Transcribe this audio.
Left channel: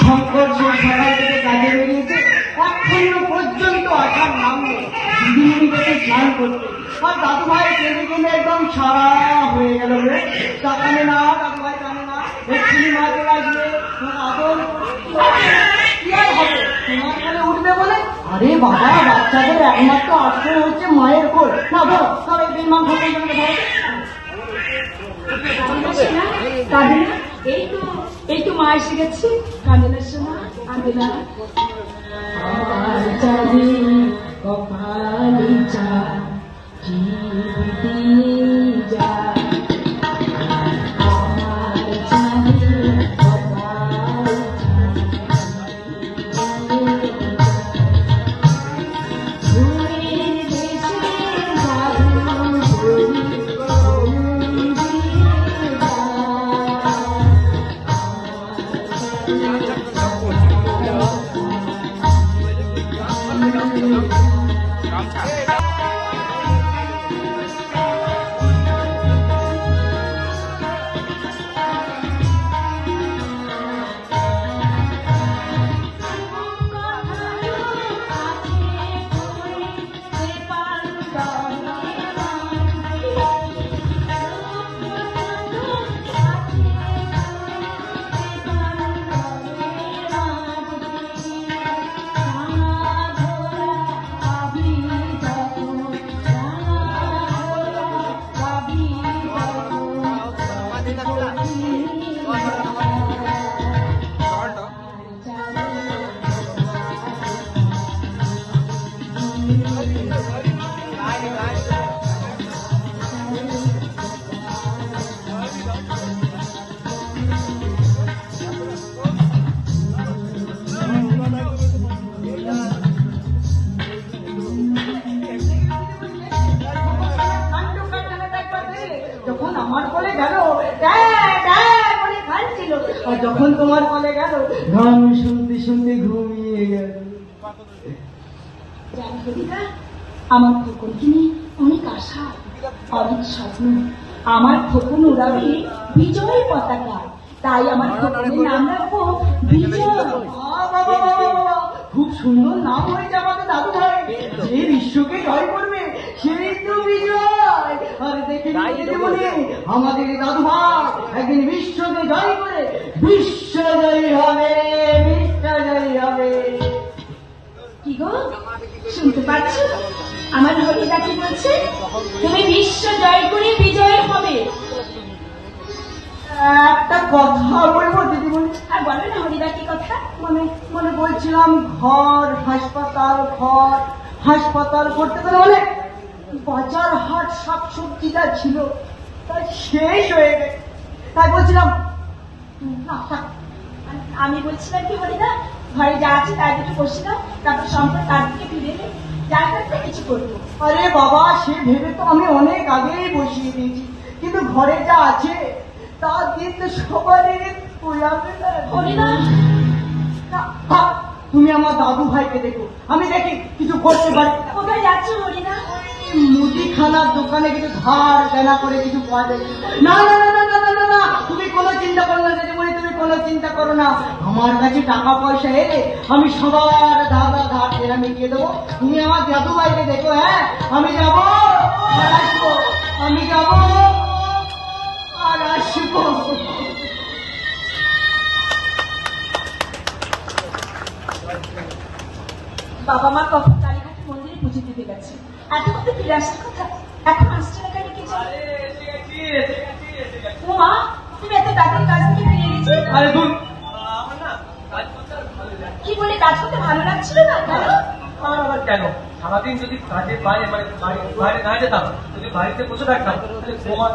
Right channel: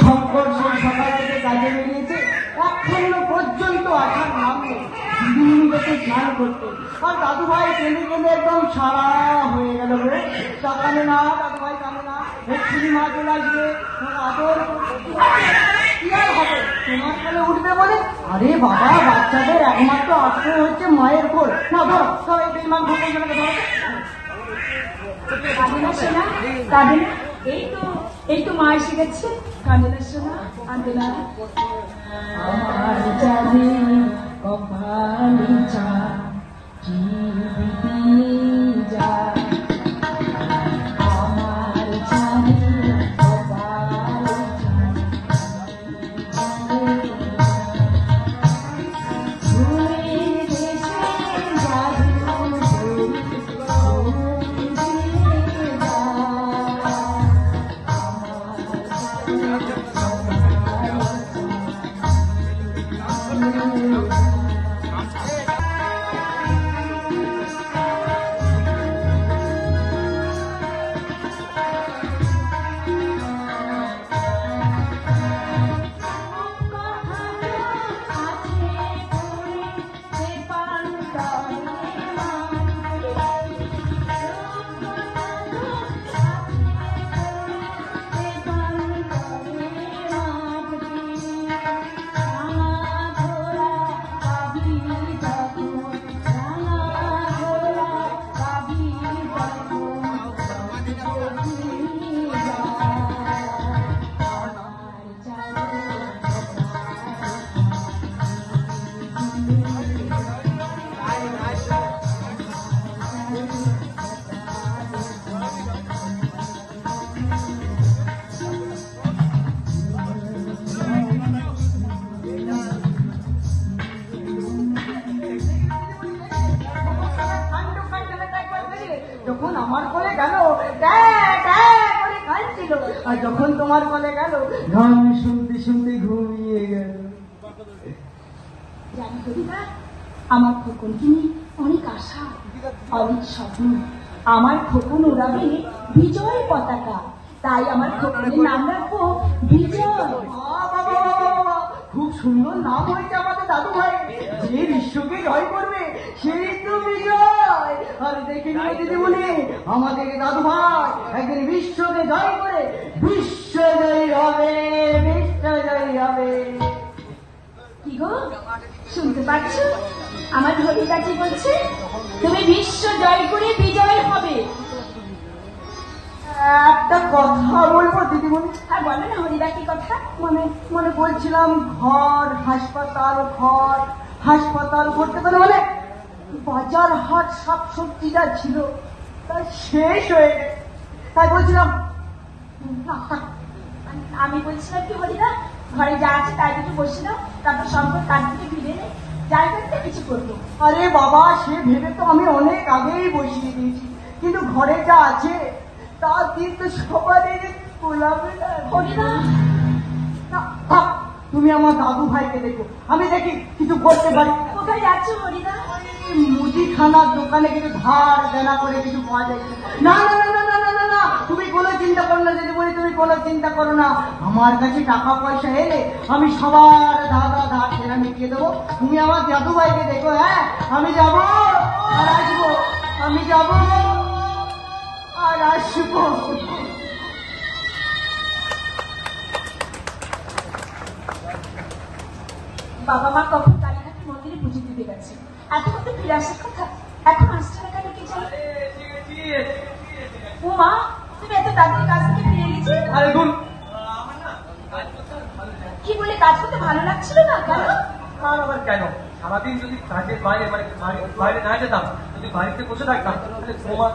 শঙ্কর সেই সকাল থেকে কাজে বেরিয়েছে, এখনো পর্যন্ত আসার নাম নেই। দিদিমণি দেখে স্নান করতে, আর দাদু ভাই কেঁদে কেঁদে একদম সারা হয়ে গেল রে। জানে না দাদু ভাই, জানে না এক্ষুনি মা চলে আসবে, আদর কি আর হবে, তোমার কানে উঠবে বলে। আরে বাবা, বাচ্চাদের একমাত্র আশ্রয় হচ্ছে মায়ের কোল। না ধরো ধরো, এই বেঈমান ভদ্রলোককে ধরো। এই তো মা এসে গেছি। কাঁদে শোনা, কাঁদে না। আমার জানি কপালে যা জীবিতে যা, আমার জানি কপালে যখন আমার কোলে গেল কাঁদছিল, আর যখন তোমার কোলে গেল গান শুনতে শুনতে ঘুমিয়ে গেল। আমার খোকনকে নিয়ে অনেক আশা, অনেক স্বপ্ন। আমার খোকন উড়াবে বিজয় পতাকা, তাই আমার খোকনের নাম রাখবো বিজয়। খুব সুন্দর নাম হয়েছে আমাদের দাদু ভাই। যে বিশ্বকে জয় করবে সেই তো বিজয়। আর দেখি দিদিমণি, আমাদের দাদু ভাই একদিন বিশ্বকে জয় করে বিশ্বজয়ী হবে, বিশ্বজয়ী হবে। কি গো, শুনতে পাচ্ছ আমার হরিদা কি বলছে? তুমি বিশ্ব জয় করে বিজয় হবে। একটা কথা বলবো দিদিমণি? আর বলো না হরিদা কি কথা? মানে বলছিলাম, ঘর হাসপাতাল করতে গেলে হলে বাজার হাট শাকসবজি যা ছিল তাই শেষ হয়ে গেছে। তাই বলছিলাম আমি বলছিলাম কি হরিদা, ঘরে যা আছে তাই কিছু বসে দাও, তারপর সম্পদ কাজ থেকে ফিরে এলে যাই করতে কিছু করবো। আরে বাবা, সে ভেবে তো আমি অনেক আগেই বসিয়ে দিয়েছি, কিন্তু ঘরে যা আছে তার দিন তো সবারই তোলাবে না। হরিদা, তুমি আমার দাদু ভাইকে দেখো, আমি দেখি কিছু করতে পারি। কোথায় যাচ্ছ হরিদা? মুদিখানার দোকানে কিছু ধার দেনা করে কিছু পাওয়া যায়। না না না না না না না, তুমি কোনো চিন্তা করো না দিদিমণি, তুমি কোনো চিন্তা করো না। আমার কাছে টাকা পয়সা এলে আমি সবার ধার দেনা মিটিয়ে দেবো। তুমি আমার দাদু ভাইকে দেখো। হ্যাঁ, আমি যাবো আর আসবো, আমি যাবো আর আসবো। বাবা মা কখন কালীঘাট মন্দিরে পুজো দিতে গেছে, এখন তো ফিরে আসার কথা, এখন আসছে না কেন কি জানি। ও মা, তুমি এত তাড়াতাড়ি কাজ থেকে ফিরে গেছি? আরে দূর, কি বলে কাজ করতে ভালো লাগছিল না? কেন? আর আবার কেন, সারাদিন যদি কাজের বাইরে বাইরে না যেতাম, যদি বাড়িতে বসে থাকতাম তাহলে তোমার